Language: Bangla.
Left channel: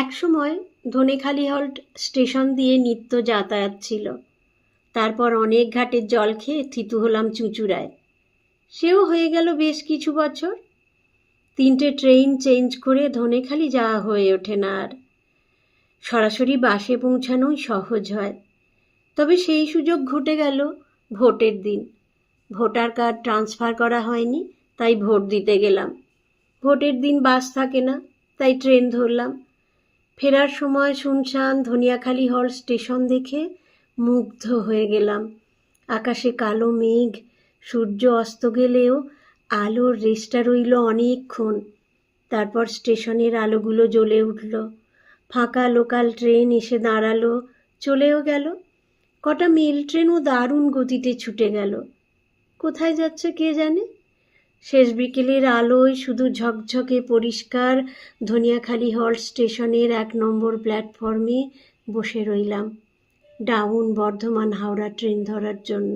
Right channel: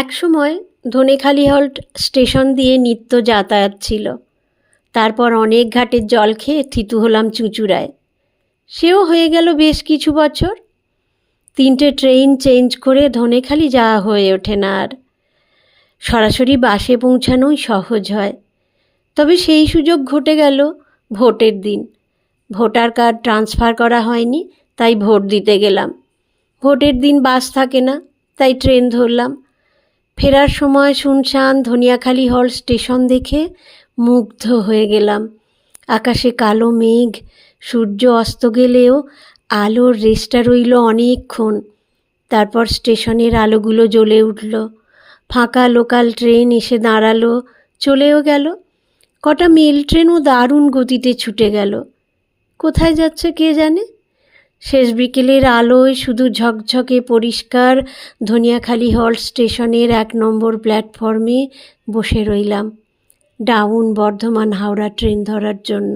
একসময় ধনেখালি হল্ট স্টেশন দিয়ে নিত্য যাতায়াত ছিল। তারপর অনেক ঘাটের জল খেয়ে থিতু হলাম চুঁচুড়ায়। সেও হয়ে গেল বেশ কিছু বছর। 3টে ট্রেন চেঞ্জ করে ধনেখালি যাওয়া হয়ে ওঠে না আর। সরাসরি বাসে পৌঁছানোই সহজ হয়। তবে সেই সুযোগ ঘটে গেল ভোটের দিন। ভোটার কার্ড ট্রান্সফার করা হয়নি, তাই ভোট দিতে গেলাম। ভোটের দিন বাস থাকে না, তাই ট্রেন ধরলাম। ফেরার সময় শুনশান ধনিয়াখালি হল্ট স্টেশন দেখে মুগ্ধ হয়ে গেলাম। আকাশে কালো মেঘ, সূর্য অস্ত গেলেও আলোর রেশটা রইল অনেকক্ষণ। তারপর স্টেশনের আলোগুলো জ্বলে উঠল। ফাঁকা লোকাল ট্রেন এসে দাঁড়ালো, চলেও গেল। কটা মেল ট্রেনও দারুণ গতিতে ছুটে গেল। কোথায় যাচ্ছে কে জানে। শেষ বিকেলের আলোয় শুধু ঝকঝকে পরিষ্কার ধনিয়াখালি হল্ট স্টেশনের 1 নম্বর প্ল্যাটফর্মে বসে রইলাম ডাউন বর্ধমান হাওড়া ট্রেন ধরার জন্য।